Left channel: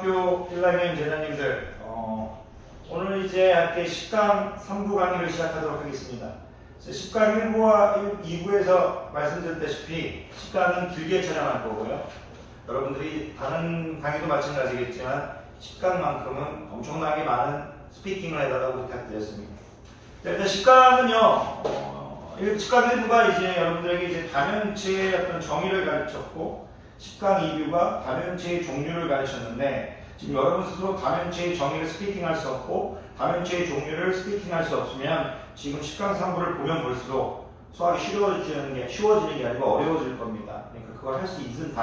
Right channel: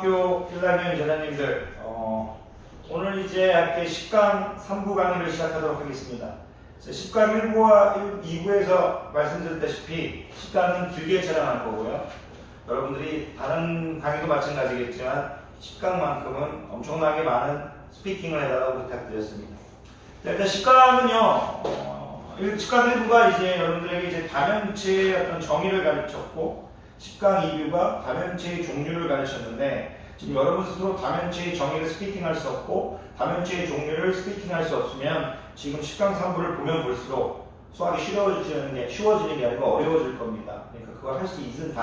중학교 1학년 재단님들, 오늘 이제 함께 10강 3부 강의를 시작하도록 하겠습니다. 10강 1부와 2부에서 말씀드렸다시피 10강은 길게 촬영할 거고요. 여러분들이 다른 강의도 마찬가지겠지만 10강만큼은 엄청나게 많은 스피킹을 해달라고 부탁드렸습니다. 일단 10강은요, 10강 1부가 이제 여러분들에게 이제 다면체의 어떤 정의를 가르쳤고 10강 2부가 다면체의 종류를 가르쳤는데 지금 여러분 스스로 다면체의 정의를 스피킹할 수 없고 다면체의 종류를 스피킹할 수 없으면 지금 10강 3부를 보면 볼수록 수학이 쉬워지는 게 아니고 어려워질 겁니다. 그러니까 그걸 할 수 있는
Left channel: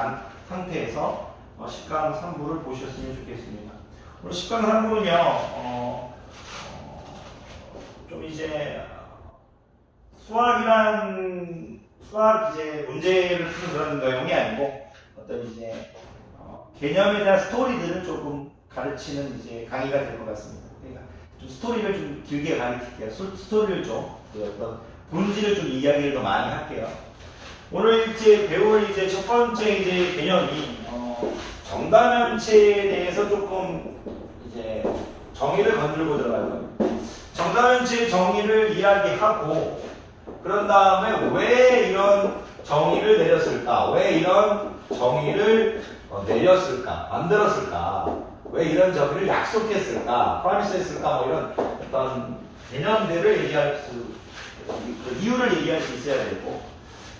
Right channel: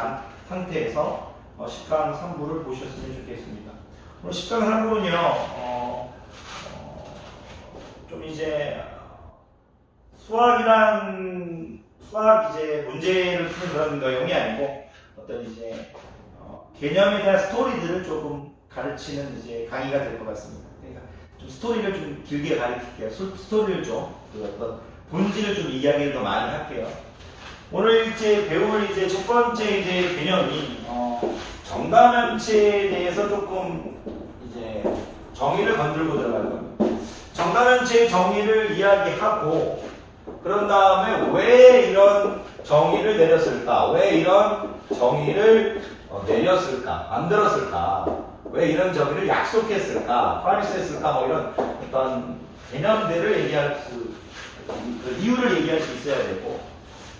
상태에서 10강 3부를 보셨으면 좋겠습니다. 오늘 10강 3부는요, 좀 이제 수학 이제 문제를 푸는 그런 내용이 아니고 어떤 이제 개념에 대한 스토리들을 조금 가르치는 이제 강의가 될 것 같습니다. 그러니까 좀 스토리를 좀 길게 가르칠게요. 스토리를 좀 어떤 본질을 좀 이야기를 더 많이 할게요. 오늘 이제 배울 이제 첫 번째 이제 개념이 정다면체에 대해서 조금 이제 정의를 건들고 들어갈 겁니다. 정다면체의 정의를 이야기하고 그런 다음에 왜 이런 정의를 내렸을까? 왜 이런 정의를 내렸을까? 만들었을까? 왜 이런 정의를 약속했을까? 프라미스했을까? 뭐 이런 어떤 개념들을 얘기할 그 이유를 얘기할 수 있어야 되고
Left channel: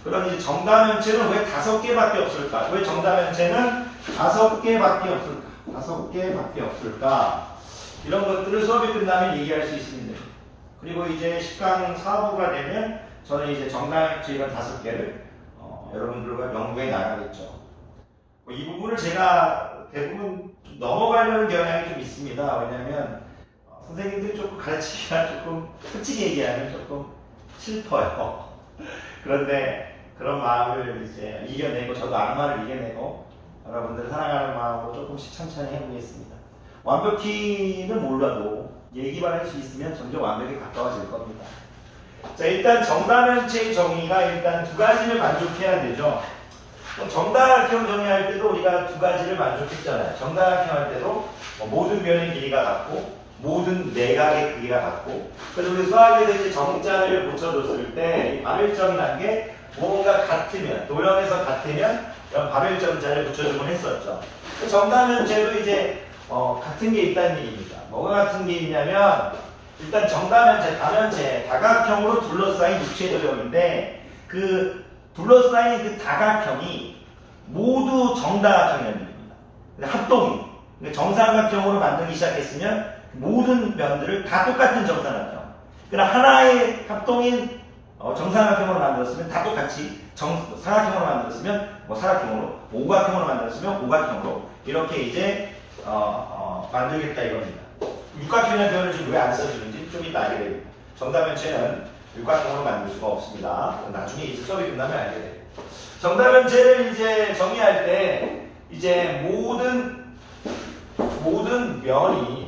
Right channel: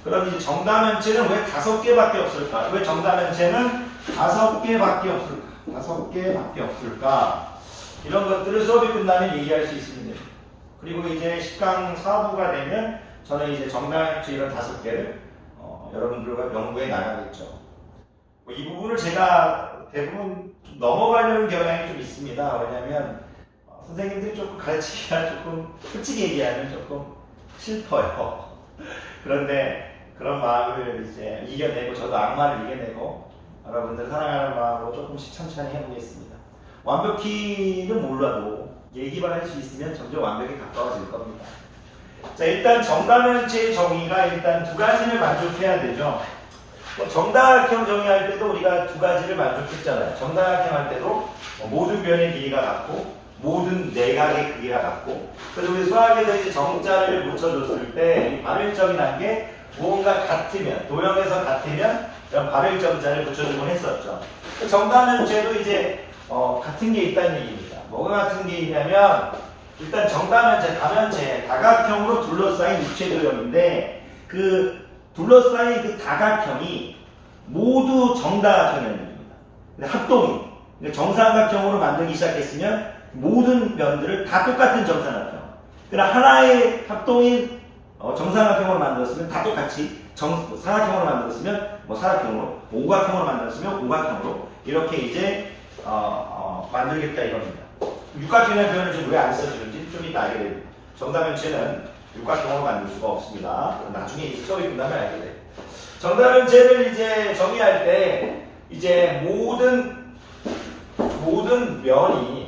그럼 이제 정다면체는 왜 5개밖에 없을까? 왜 정다면체는 5개밖에 없을까? 이런 것들을 수업이 끝나면 얘기할 수 있습니다. 그리고 이제 10강 4부가 되면 저는 이제 정다면체 이런 5개를 여러분들과 연구해 나가겠죠. 이 부분을 제가 대부분 좀 넘어가려는 경향이 좀 있습니다. 왜냐하면 선생님들이 조금 가르치기가 조금 솔직히 얘기하면 조금 슬퍼요. 그런데 그런 마음을 이제 이겨내고 저도 악마를 이겨내고 여러분들 사랑하는 마음으로 조금씩 천천히 해보겠습니다. 완벽히는 몰라도 얘기만 할 수 있으면 점점 완벽에 가까워질 겁니다. 자, 일단 정다면체의 정의가 일단 2가지를 만족해야 되죠. 정다각형 정의할 때도 우리가 2가지를 만족했잖아요. 정다각형 할 때도 모든 면의 길이가 같고 모든 내각의 크기가 같고 그래서 우리 수학에서 이제 정자를 붙여줬을 때 이 발을점이라는 게 무언가 같으면 도형에서 같으면 이런 발을점자를 붙여주곤 했었죠. 정다면체도 이제 같은 게 있다는 얘기입니다. 뭐가 같은 게 있냐면 일단 정다면체, 다면체, 다각형으로 둘러싸인 입체 도형인데 그 둘러싸인 그 다각형이 모두 정다각형입니다. 합동이 정삼각형으로 만들기 시작했으면 모든 면들을 다 똑같은 정삼각형. 그러나 하나의 합동인 정삼각형으로 만들었으면 다 똑같이 사각형으로 만들었으면 사각형으로, 오각형으로 만들었으면 오각형으로 이렇게 이제 만들겠다 이겁니다. 육각형이라는 표현을 지금 왜 안 써주는지 좀 이따 알게 됩니다. 정다면체는 육각형으로 만들 수가 없습니다. 나중에 이 수업이 끝나면 알게 돼요. 정다면체를 이제 정의할 때 이제 모든 면이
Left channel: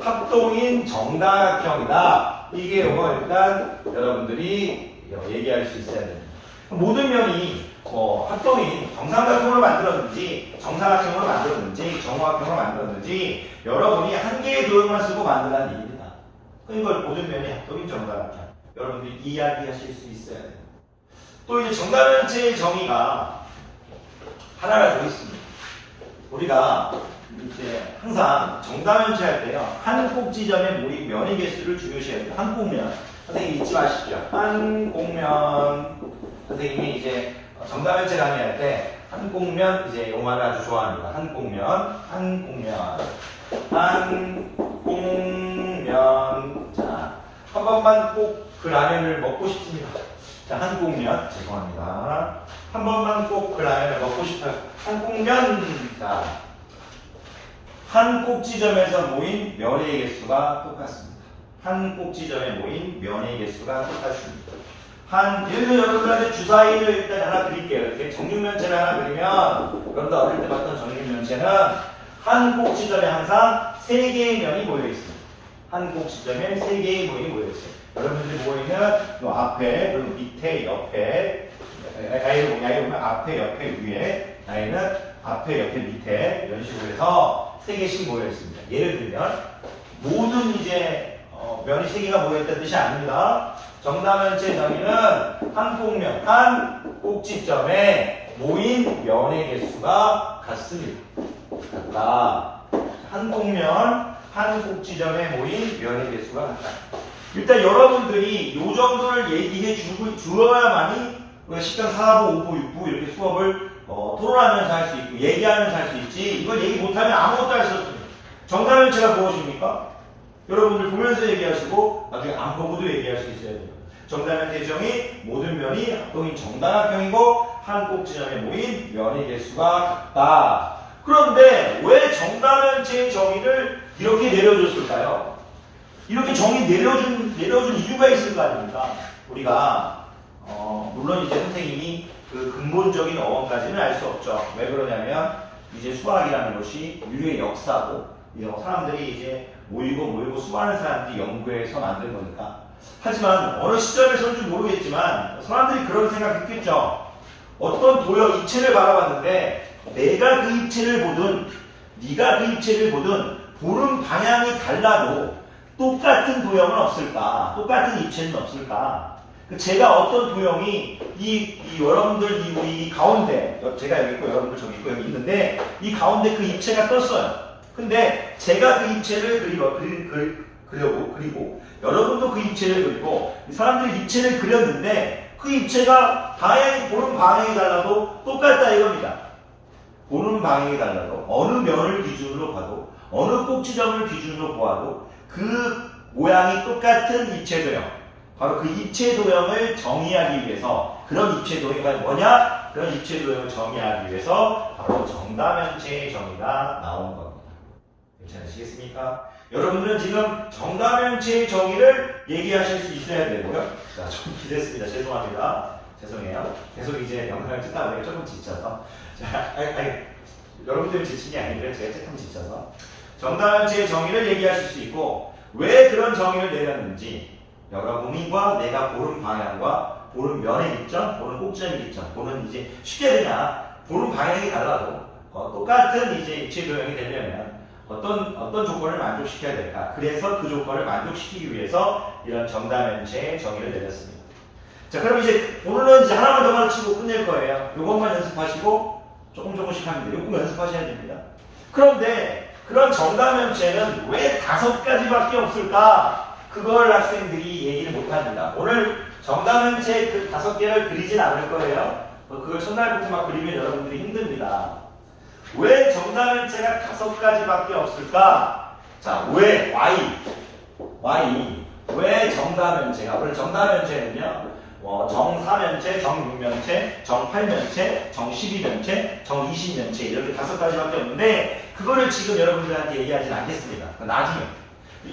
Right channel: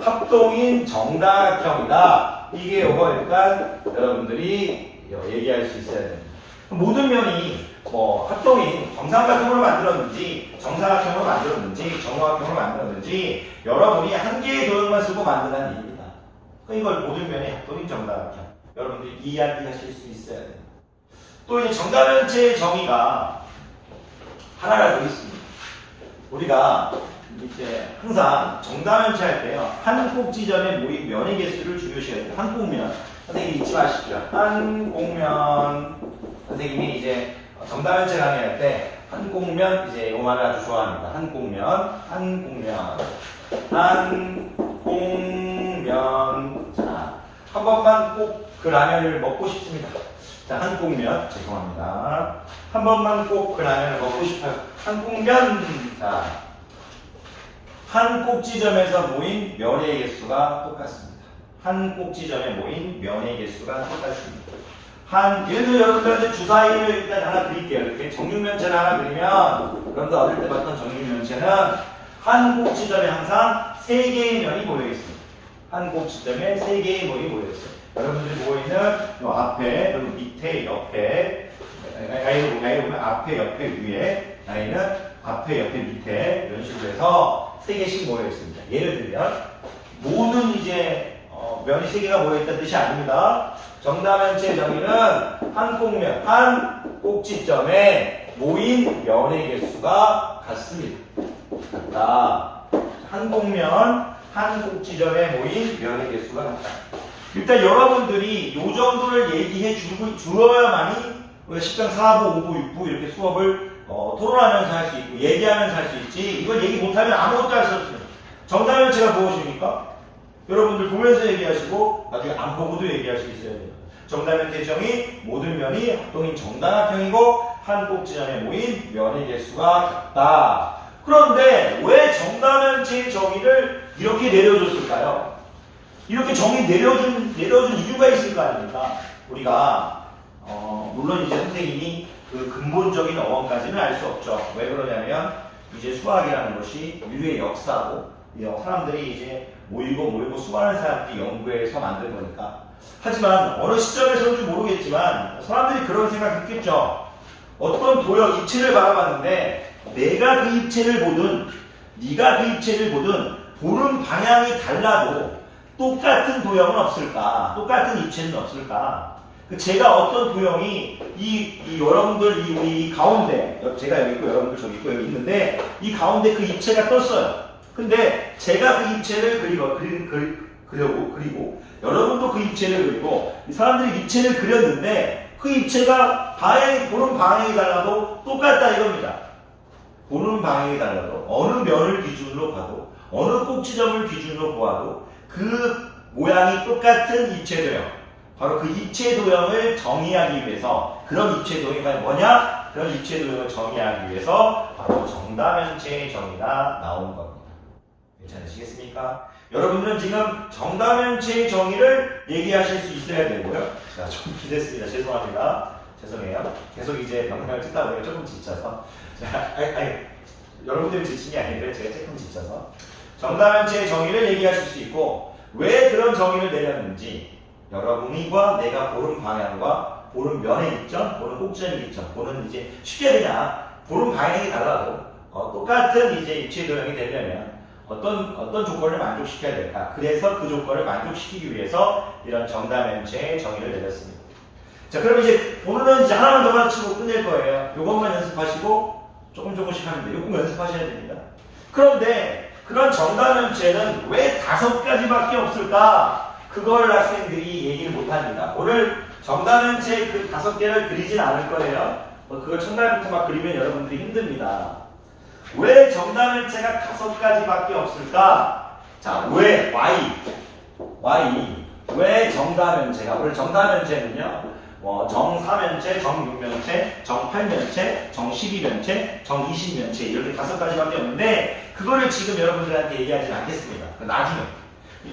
합동인 정다각형이다. 이게 일단 여러분들이 얘기할 수 있어야 됩니다. 모든 면이 합동인 정삼각형으로 만들었는지 정사각형으로 만들었는지 정오각형으로 만들었는지 여러분이 한 개의 도형만 쓰고 만든다는 얘기입니다. 이걸 모든 면이 합동인 정다각형 여러분들이 이야기하실 수 있어야 됩니다. 또 이제 정다면체의 정의가 하나가 더 있습니다. 우리가 이제 항상 정다면체 할 때요 한 꼭지점에 모인 면의 개수를 중요시해야 됩니다. 한 꼭면 선생님 잊지 마십시오. 한 꼭면 선생님이 이제 정다면체 강의할 때 한 꼭면 이제 용어를 아주 좋아합니다. 한 꼭면 자, 한 번만 꼭 그 라면을 먹고 싶습니다. 자, 한 꼭면 죄송합니다. 한 번만 꼭 그 라면을 먹고 싶어요. 한 꼭면 자, 한 꼭지점에서 모인 면의 개수가 똑같습니다. 한 꼭지점에 모인 면의 개수가 똑같습니다. 예를 들어 여러분들한테 주사위를 일단 하나 드릴게요. 이렇게 정육면체를 하나 그리면 여러분들 어릴 때 봤던 정육면체는 한 꼭지점에 항상 3개의 면이 모여 있습니다. 한 꼭지점에 3개의 면이 모여 있어요. 여러분들이 모이는 앞에, 그리고 밑에, 옆에, 나이를 보면 앞에, 옆에, 위에, 나이는 앞에, 옆에, 밑에 이런 식으로 해서 3개씩 모여 있습니다. 예를 들면 모든 이제 면이 3개가 모여 있다는 뜻이 아닙니다. 정다면체의 정의는 한 꼭면, 한 꼭지점에 모인 면의 개수가 같습니다. 같다. 한 꼭면, 한 꼭지점에 모인 면의 개수가 같다. 일단 여러분들이 이 정도를 얘기해 주어야만이 우리가 10강 4부, 5부, 6부 이렇게 수업을 토론하면서 할 수 있고 얘기하면서 할 수 있지, 이걸 얘기 못하면 아무것도 할 수 없습니다. 정다면체가 무엇입니까? 여러분들 보면서 얘기하시고 나중에 안 보고도 얘기할 수 있어야 됩니다. 정다면체의 정의, 모든 면이 합동인 정다각형이고 한 꼭지점에 모인 면의 개수가 같다. 그런데 왜 정다면체의 정의를 이렇게 내려줬을까요? 이렇게 정의 내려준 이유가 있을 거 아닙니까? 우리가 물론 이제 선생님이 그 근본적인 어원까지는 알 수 없죠. 왜 그러냐면 이제 수학이라는 것이 인류의 역사고 사람들이 이제 모이고 수많은 사람들이 연구해서 만든 거니까. 하지만 어느 시점에서는지 모르겠지만 사람들이 그런 생각했겠죠. 어떤 도형 입체를 바라봤는데 내가 그 입체를 보든 네가 그 입체를 보든 보는 방향이 달라도 똑같은 도형은 없을까? 똑같은 입체는 없을까? 제가 어떤 도형이 여러분들 우리 가운데, 제가 여기 있고 여러분들 저기 있고 여기 있는데 이 가운데 그 입체가 떴어요. 근데 제가 그 입체를 그리고 여러분도 그 입체를 그리고 이 사람들이 입체를 그렸는데 그 입체가 보는 방향이 달라도 똑같다 이겁니다. 보는 방향이 달라도 어느 면을 기준으로 봐도 어느 꼭지점을 기준으로 보아도 그 모양이 똑같은 입체 도형, 바로 그 입체 도형을 정의하기 위해서, 그런 입체 도형이 뭐냐? 그런 입체 도형을 정의하기 위해서 바로 정다면체의 정의가 나온 겁니다. 괜찮으시겠습니까? 여러분들은 지금 정다면체의 정의를 얘기하실 수 있어야 되고요. 자, 좀 기댔습니다. 죄송합니다. 죄송해요. 계속 이제 영상을 찍다 보니까 조금 지쳐서. 자, 여러분 때문에 지친 게 아니고요. 제가 조금 지쳐서. 정다면체의 정의를 얘기하실 수 있고, 왜 그런 정의를 내렸는지, 여러분과 내가 보는 방향과 보는 면의 입점, 보는 꼭지점의 입점, 보는 이제 쉽게 그냥 보는 방향이 달라도 똑같은 이제 입체 도형이 되려면 어떤 조건을 만족시켜야 될까? 그래서 그 조건을 만족시키기 위해서 이런 정다면체의 정의를 내렸습니다. 자, 그럼 이제 오늘은 이제 하나만 더 가르치고 끝낼 거예요. 요것만 연습하시고 조금씩 하면 돼요. 요거 연습하셔야 됩니다. 그런데 그런 정다면체는 왜 5가지밖에 없을까? 그걸 학생들이 얘기를 못합니다. 오늘 정다면체 그 5개를 그리진 않을 거예요. 그걸 첫날부터 막 그리면 여러분들이 힘듭니다. 왜 정다면체가 5가지밖에 없을까? 자, 왜? 왜 정다면체가? 오늘 정다면체는요, 정4면체, 정6면체, 정8면체, 정12면체, 정20면체 이렇게 5가지밖에 없는데 그거를 지금 여러분들한테 얘기하진 않겠습니다. 나중에.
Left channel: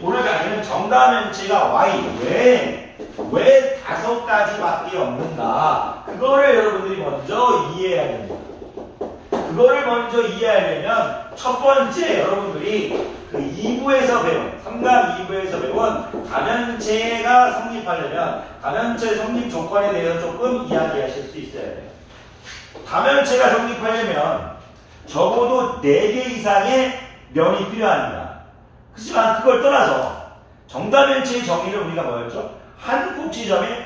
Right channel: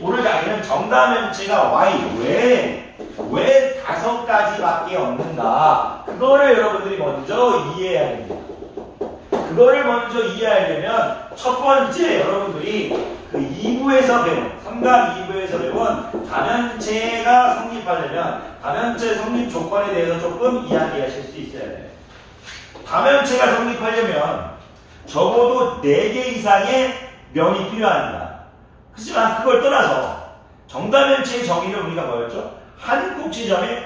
오늘 강의는 정다면체가 왜 5가지밖에 없는가? 그거를 여러분들이 먼저 이해해야 됩니다. 그거를 먼저 이해하려면 첫 번째 여러분들이 그 2부에서 배운, 3강 2부에서 배운 다면체가 성립하려면 다면체 성립 조건에 대해서 조금 이야기하실 수 있어야 돼요. 다면체가 성립하려면 적어도 4개 이상의 면이 필요합니다. 그렇지만 그걸 떠나서 정다면체의 정의를 우리가 뭐였죠? 한 꼭지점에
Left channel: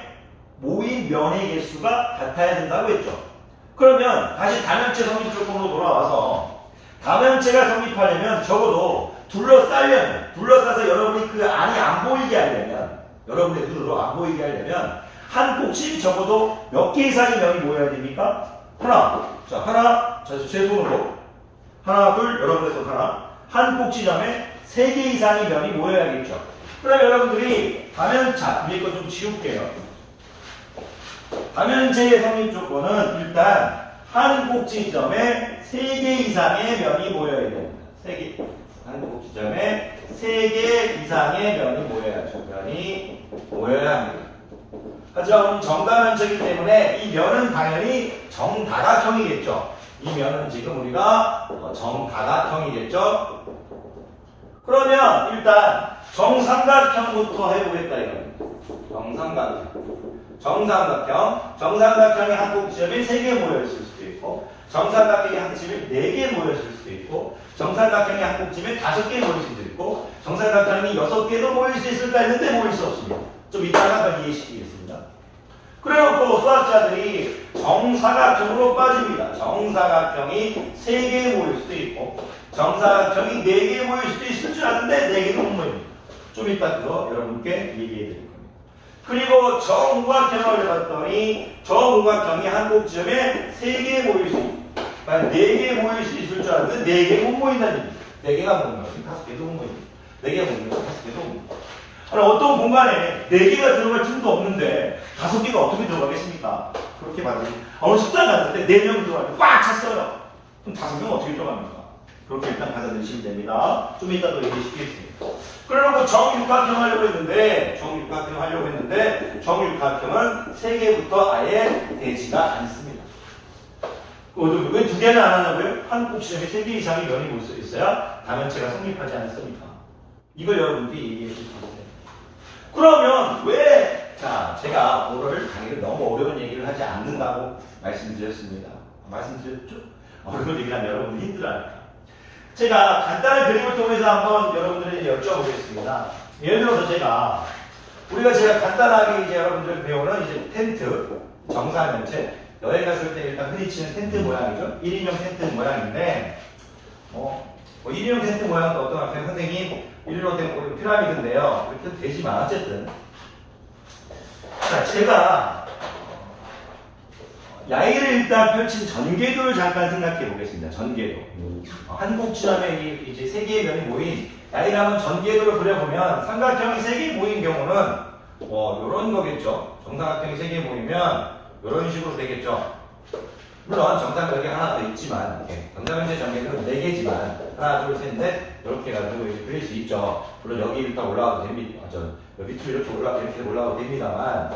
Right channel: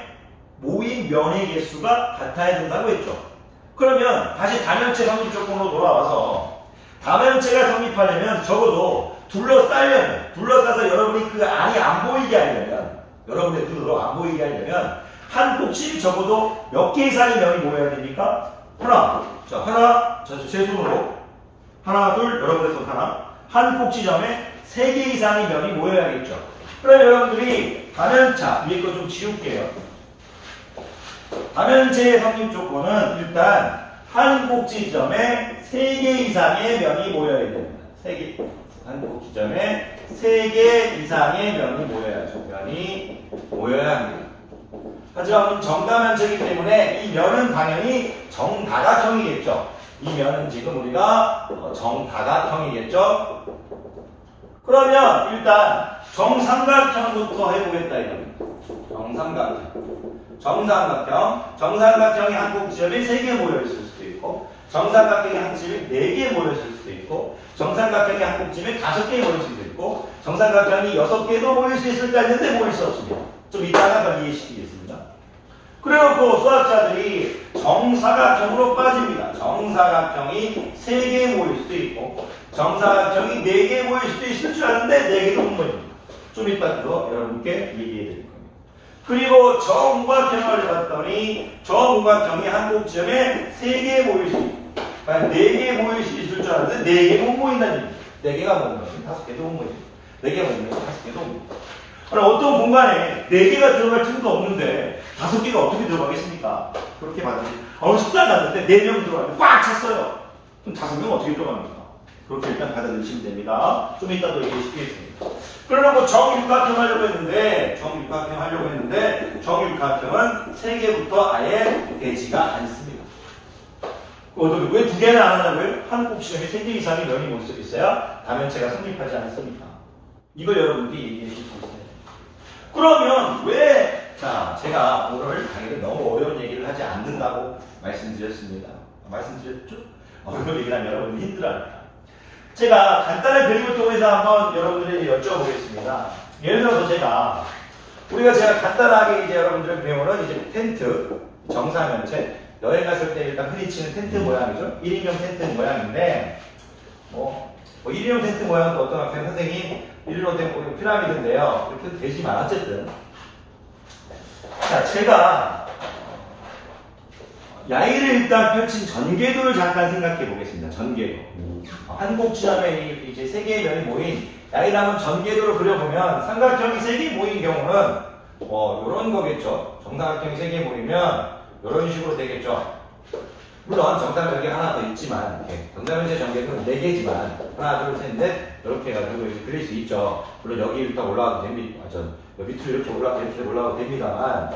모인 면의 개수가 같아야 된다고 했죠. 그러면 다시 다면체 성립 조건으로 돌아와서 다면체가 성립하려면 적어도 둘러싸서 여러분이 그 안이 안 보이게 하려면, 여러분의 눈으로 안 보이게 하려면 한 꼭지 적어도 몇 개 이상의 면이 모여야 됩니까? 제 손으로 하나, 둘, 여러분의 손 하나, 한 꼭지점에 3개 이상의 면이 모여야겠죠. 그러면 여러분들이 위에 거 좀 지울게요. 다면체의 성립 조건은 일단 한 꼭지점에 3개 이상의 면이 모여야 됩니다. 한 꼭지점에 3개 이상의 면이 모여야 합니다. 하지만 정다면체이기 때문에 이 면은 당연히 정다각형이겠죠. 이 면은 지금 우리가 정다각형이겠죠. 그러면 일단 정삼각형부터 해보겠다 이겁니다. 정삼각형의 한 꼭지점이 3개 모여있을 수도 있고, 정삼각형의 한 꼭지점이 4개 모여있을 수도 있고, 정삼각형의 한 꼭지점이 5개 모일 수도 있고, 정삼각형이 6개도 모일 수 있을까 했는데 모일 수 없습니다. 좀 이따가 이해시키겠습니다. 그래놓고 수학자들이 정사각형으로 빠집니다. 정사각형이 3개 모일 수도 있고, 정사각형이 4개 모일 수도 있을 줄 아는데 4개도 못 모입니다. 좀 이따 그거 여러분께 얘기해 드릴 겁니다. 그리고 정우각형을 봤더니 정우각형이 한 꼭지점에 3개 모일 수 있고, 4개 모일 수 있을 줄 알았는데 4개 못 모인다는 얘기입니다. 4개가 못 모여요. 5개도 못 모입니다. 4개가 못 모여요. 5개도 못 모입니다. 어떤 공간에 4개가 들어갈 틈도 없는데 5개가 어떻게 들어가겠습니까? 그렇게 봐도 어느 식당 갔는데 4명 들어가면 꽉 찼어요. 그럼 5명 어떻게 들어갑니까? 그렇게 일단 받아들이시면 됩니다. 좀 이따 또 얘기시키겠습니다. 그래놓고 정육각형 하려고 했는데 정육각형은 3개부터 아예 되지가 않습니다. 왜 2개는 안 하냐고요? 한 꼭지점에 3개 이상의 면이 모습이 있어야 다면체가 성립하지 않습니까? 이걸 여러분들이 얘기해 주실 수 있어요. 그러면 왜, 제가 오늘 강의를 너무 어려운 얘기를 하지 않는다고 말씀드렸습니다. 말씀드렸죠? 어려운 얘기를 하면 여러분들이 힘들어하니까. 제가 간단한 그림을 통해서 한번 여러분들에게 여쭤보겠습니다. 예를 들어서 우리가 간단하게 이제 여러분들 배우는 이제 텐트, 정사면체, 여행 갔을 때 일단 흔히 치는 텐트 모양이죠. 1인용 텐트 모양인데, 1인용 텐트 모양은 어떤 학생 선생님, 1인용 텐트 피라미드인데요. 이렇게 되지만 어쨌든. 제가 야의를 일단 펼친 전개도를 잠깐 생각해 보겠습니다. 전개도. 한 꼭지점에 이제 3개의 면이 모인 야의라면 전개도를 그려보면 삼각형이 3개 모인 경우는 요런 거겠죠. 정사각형이 3개 모이면 요런 식으로 되겠죠. 물론 정사각형이 하나 더 있지만 정사면체 전개도는 4개지만 하나, 둘, 셋, 넷 이렇게 해가지고 그릴 수 있죠. 물론 여기 일단 올라가도 됩니다. 밑으로 이렇게 올라가도 됩니다만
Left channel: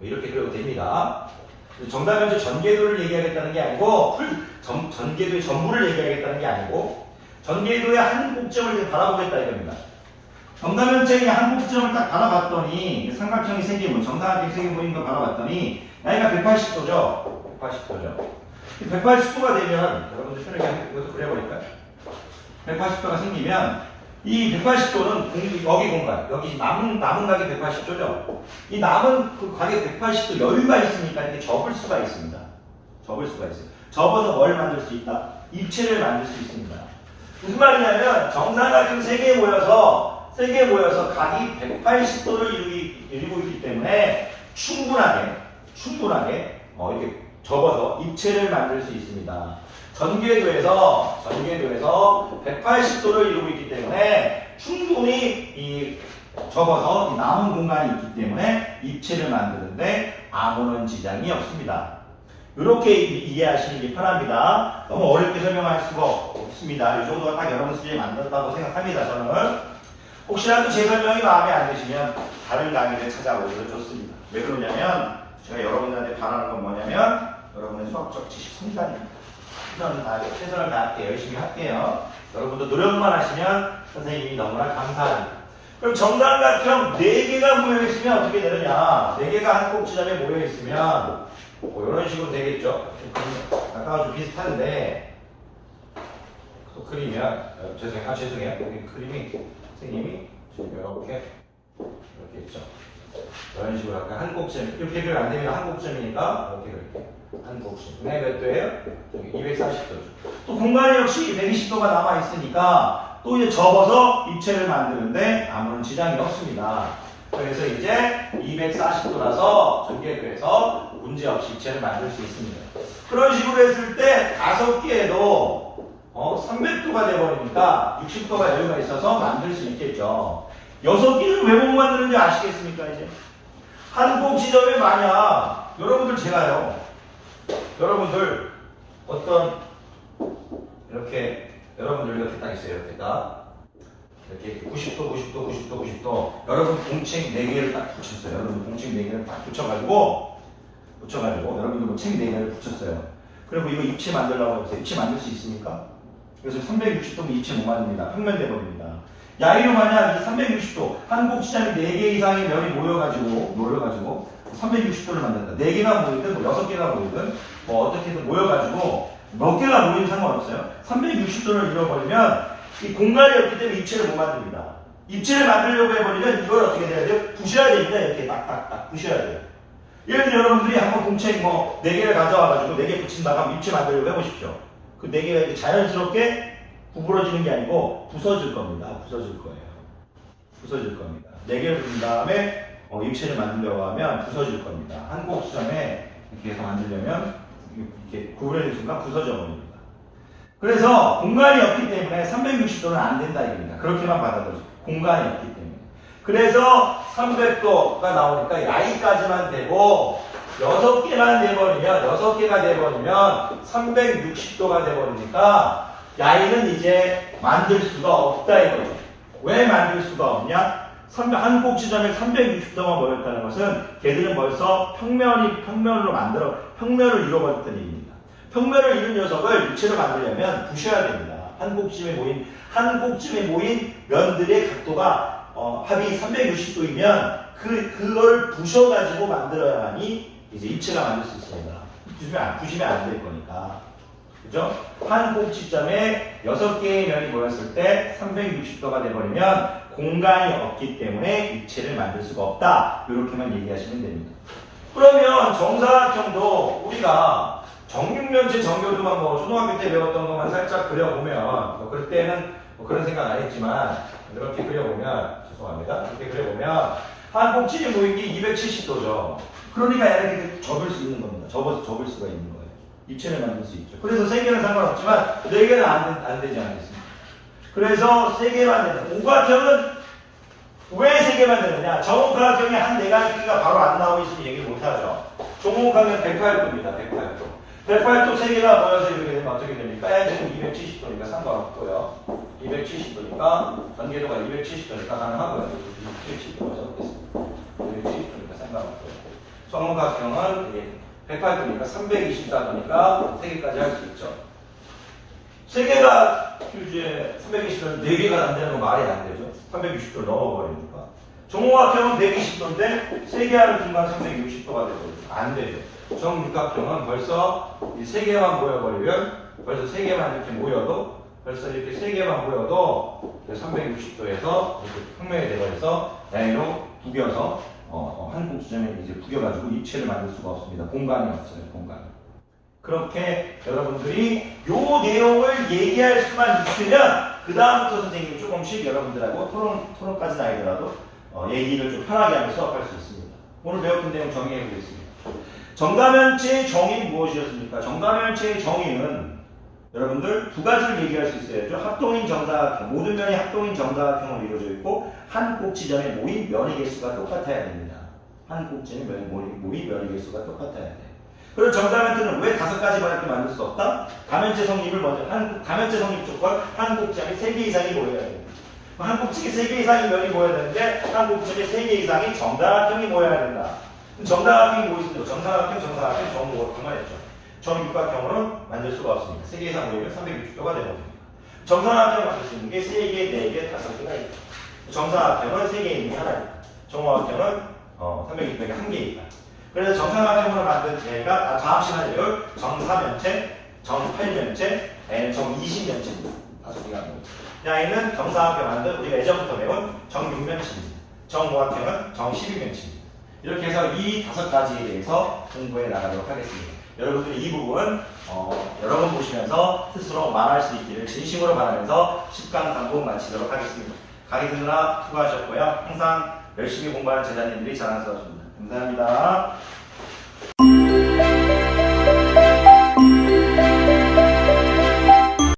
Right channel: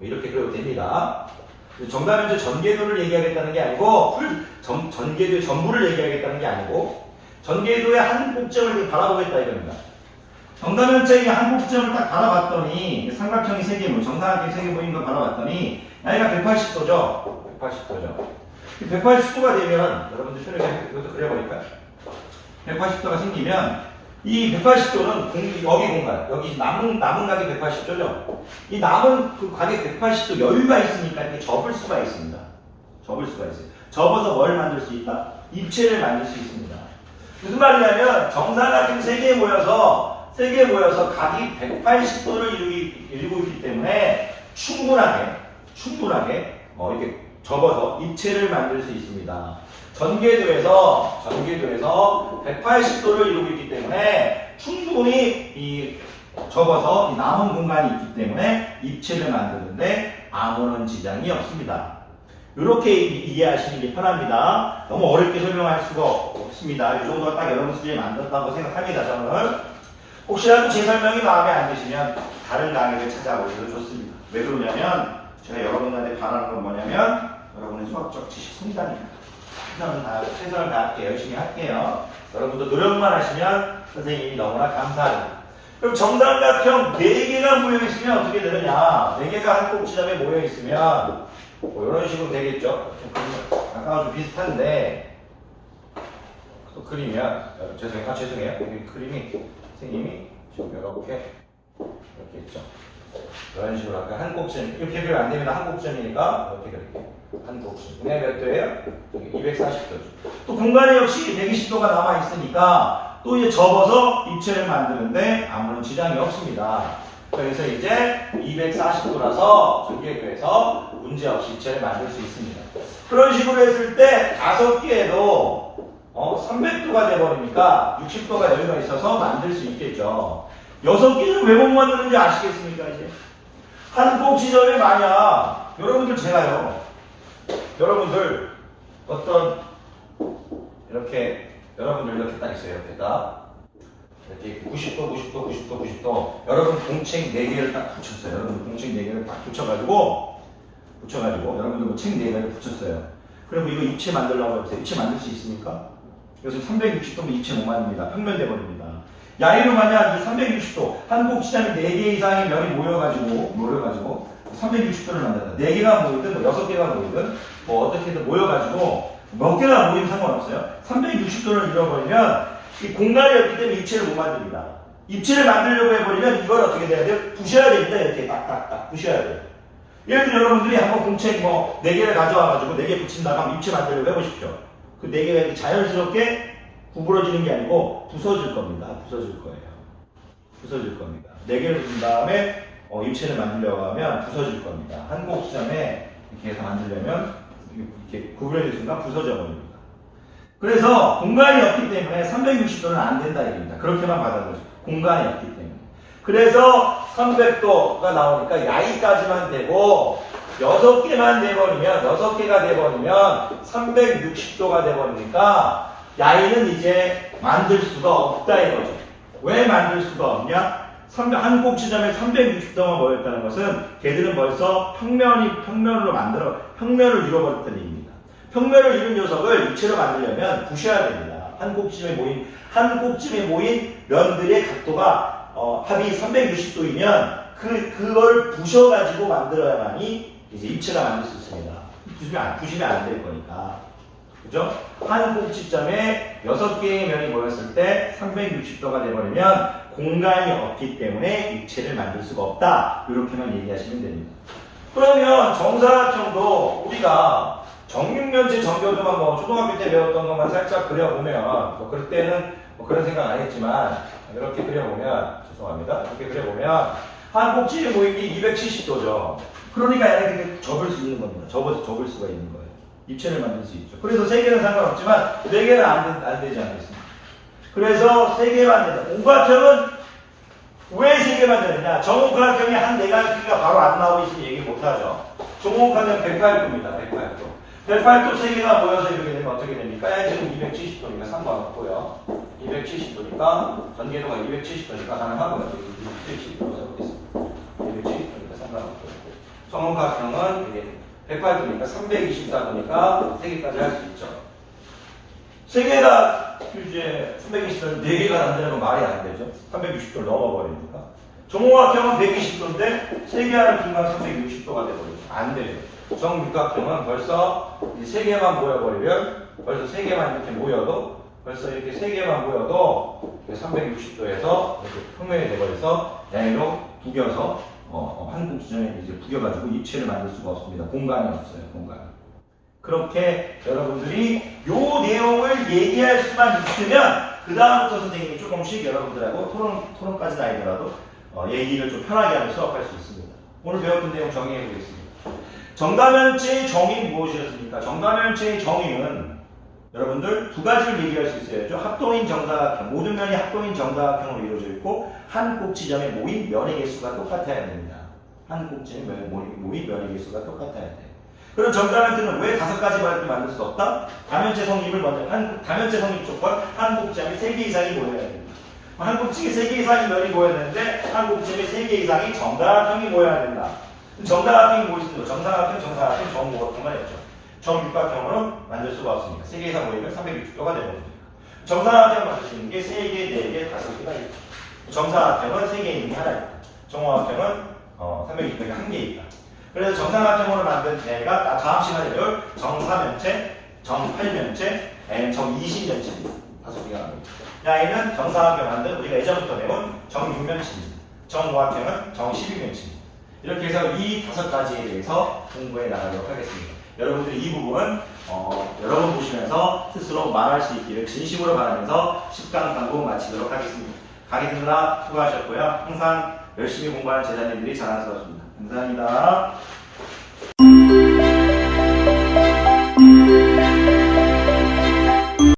이렇게 그려도 됩니다. 정사면체 전개도를 얘기하겠다는 게 아니고 전개도의 전부를 얘기하겠다는 게 아니고 전개도의 한 꼭지점을 바라보겠다 이겁니다. 정사면체의 한 꼭지점을 딱 바라봤더니 삼각형이 3개 모인 정사각형이 3개 모인 걸 바라봤더니 나이가 180도죠. 180도가 되면 여러분들 편하게 이것도 그려버릴까요? 180도가 생기면 이 180도는 여기 공간, 여기 남은 각이 180도죠. 이 남은 그 각에 180도 여유가 있으니까 이게 접을 수가 있습니다. 접어서 뭘 만들 수 있다? 입체를 만들 수 있습니다. 무슨 말이냐면 정사각형 3개 모여서 각이 180도를 이루고 있기 때문에 충분하게 이렇게 접어서 입체를 만들 수 있습니다. 전개도에서 180도를 이루고 있기 때문에 충분히 접어서 남은 공간이 있기 때문에 입체를 만드는데 아무런 지장이 없습니다. 이렇게 이해하시는 게 편합니다. 너무 어렵게 설명할 수가 없습니다. 이 정도가 딱 여러분 수준에 맞는다고 생각합니다. 저는 혹시라도 제 설명이 마음에 안 드시면 다른 강의를 찾아보셔도 좋습니다. 왜 그러냐면 제가 여러분들한테 바라는 건 뭐냐면 여러분의 수학적 지식 성장입니다. 최선을 다할게 열심히 할게요. 여러분도 노력만 하시면 선생님이 너무나 감사합니다. 그럼 정삼각형 4개가 모여있으면 어떻게 되느냐? 4개가 한 꼭지점에 모여있으면 이런 식으로 되겠죠? 아까와 좀 비슷한데 또 그리면 죄송해요. 여기 그림이 선생님이 지금 이렇게 있죠? 이런 식으로 아까 한 꼭지점 이렇게 그리면 안 됩니다. 한 꼭지점이니까 이렇게 그릴게요. 한 꼭지점. 몇 도예요? 여기 240도죠. 또 공간이 역시 120도가 남아있으니까 또 이제 접어서 입체를 만드는데 아무런 지장이 없습니다. 그래서 이제 240도라서 전개도에서 문제없이 입체를 만들 수 있습니다. 그런 식으로 했을 때 5개에도 300도가 돼버리니까 60도가 여유가 있어서 만들 수 있겠죠. 6개는 왜 못 만드는지 아시겠습니까? 이제 한 꼭지점에 만약 여러분들 여러분들 이렇게 딱 있어요. 이렇게 90도 여러분 공책 4개를 딱 붙였어요. 여러분 공책 4개를 딱 붙여가지고 여러분들 책 4개를 붙였어요. 그리고 이거 입체 만들려고 해보세요. 입체 만들 수 있습니까? 그래서 360도면 입체 못 만듭니다. 평면돼 버립니다. 야의로 만약 이 360도 한 꼭지점이 4개 이상의 면이 모여가지고 360도를 만든다. 4개가 모이든 뭐 6개가 모이든 뭐 어떻게든 모여가지고 몇 개가 모이면 상관없어요. 360도를 이뤄버리면 이 공간이 없기 때문에 입체를 못 만듭니다. 입체를 만들려고 해버리면 이걸 어떻게 돼야 돼요? 부셔야 됩니다. 이렇게 딱딱딱 부셔야 돼요. 예를 들어 여러분들이 한번 공책 뭐 4개를 가져와가지고 4개 붙인다가 입체 만들려고 해보십시오. 그 4개가 자연스럽게 구부러지는 게 아니고 부서질 겁니다. 부서질 거예요. 부서질 겁니다. 4개를 붙인 다음에 입체를 만들려고 하면 부서질 겁니다. 한 곡 지점에 이렇게 해서 만들려면 이렇게 구부러지는 순간 부서져 버립니다. 그래서 공간이 없기 때문에 360도는 안 된다 이겁니다. 그렇게만 받아들여요. 공간이 없기 때문에. 그래서 300도가 나오니까 야이까지만 되고 6개만 돼버리면 6개가 돼버리면 360도가 돼버리니까 야이는 이제 만들 수가 없다 이거죠. 왜 만들 수가 없냐? 한 곡 지점에 360도가 모였다는 것은 걔들은 벌써 평면을 이뤄버렸다는 얘기입니다. 평면을 이룬 녀석을 입체로 만들려면 부셔야 됩니다. 한 곡쯤에 모인 면들의 각도가 합이 360도이면 그걸 부셔가지고 만들어야만이 이제 입체가 만들 수 있습니다. 부시면 안 될 거니까. 그죠? 한 곡지점에 6개의 면이 모였을 때 360도가 돼버리면 공간이 없기 때문에 입체를 만들 수가 없다. 이렇게만 얘기하시면 됩니다. 그러면 정사각형도 우리가 정육면체 정교도만 뭐 초등학교 때 배웠던 것만 살짝 그려보면 뭐 그럴 때는 뭐 그런 생각 안 했지만 이렇게 그려보면 죄송합니다. 이렇게 그려보면 한 꼭지에 모이기 270도죠. 그러니까 이렇게 접을 수 있는 겁니다. 접을 수가 있는 거예요. 입체를 만들 수 있죠. 그래서 3개는 상관없지만 4개는 안 되지 않겠습니까? 그래서 3개만 된다. 오각형은 왜 3개만 되느냐? 정옥각형이 한 4가지 크기가 바로 안 나오고 있으면 얘기 못하죠. 정옥각형 108도입니다. 108도. 108도 3개가 모여서 이렇게 되면 어떻게 됩니까? 지금 270도니까 상관없고요. 270도니까 전개도가 270도니까 가능하고요. 270도로 적겠습니다. 270도니까 상관없고요. 정옥각형은 108도니까 324도니까 3개까지 할 수 있죠. 3개가 이제 320도는 4개가 안 되는 건 말이 안 되죠. 360도를 넘어버리니까. 정옥각형은 120도인데 3개 하는 순간 360도가 되버리죠. 안 되죠. 정육각형은 벌써 이 3개만 모여버리면 벌써 3개만 이렇게 모여도 벌써 이렇게 3개만 모여도 360도에서 이렇게 평면이 되버려서 양으로 구겨서 한국 지점에 이제 구겨가지고 입체를 만들 수가 없습니다. 공간이 없어요. 공간이. 그렇게 여러분들이 요 내용을 얘기할 수만 있으면 그 다음부터 선생님이 조금씩 여러분들하고 토론까지는 아니더라도 얘기를 좀 편하게 하면서 수업할 수 있습니다. 오늘 배웠던 내용 정리해 보겠습니다. 정다면체의 정의는 무엇이었습니까? 정다면체의 정의는 여러분들 2가지를 얘기할 수 있어야죠. 합동인 정다각형, 모든 면이 합동인 정다각형으로 이루어져 있고 한 꼭지점에 모인 면의 개수가 똑같아야 됩니다. 한 꼭지점에 모인 면의 개수가 똑같아야 돼요. 그럼 정다면체는 왜 5가지 만들 수 없다? 다면체 성립을 먼저 다면체 성립 조건 한 꼭지점에 3개 이상이 모여야 됩니다. 한 꼭지에 3개 이상의 면이 모여야 되는데 한 꼭지에 3개 이상의 정다각형이 모여야 된다. 정다각형이 뭐 있습니까? 정사각형, 정오각형만 했죠. 정육각형으로는 만들 수가 없습니다. 3개 이상 모이면 360도가 되거든요. 정사각형을 만들 수 있는 게 3개, 4개, 5개가 있죠. 정사각형은 3개 있는 게 하나 있고, 정오각형은 360도가 1개 있다. 그래서 정사각형으로 만든 제가 다음 시간에 정사면체, 정팔면체, 정이십면체입니다. 5개가 나옵니다. 야이는 정사각형 만든 우리가 예전부터 배운 정육면체입니다. 정오각형은 정십이면체입니다. 이렇게 해서 이 5가지에 대해서 공부해 나가도록 하겠습니다. 여러분들이 이 부분 여러분 보시면서 스스로 말할 수 있기를 진심으로 바라면서 10강 강국 마치도록 하겠습니다. 강의 듣느라 수고하셨고요. 항상 열심히 공부하는 제자님들이 자랑스럽습니다. 감사합니다.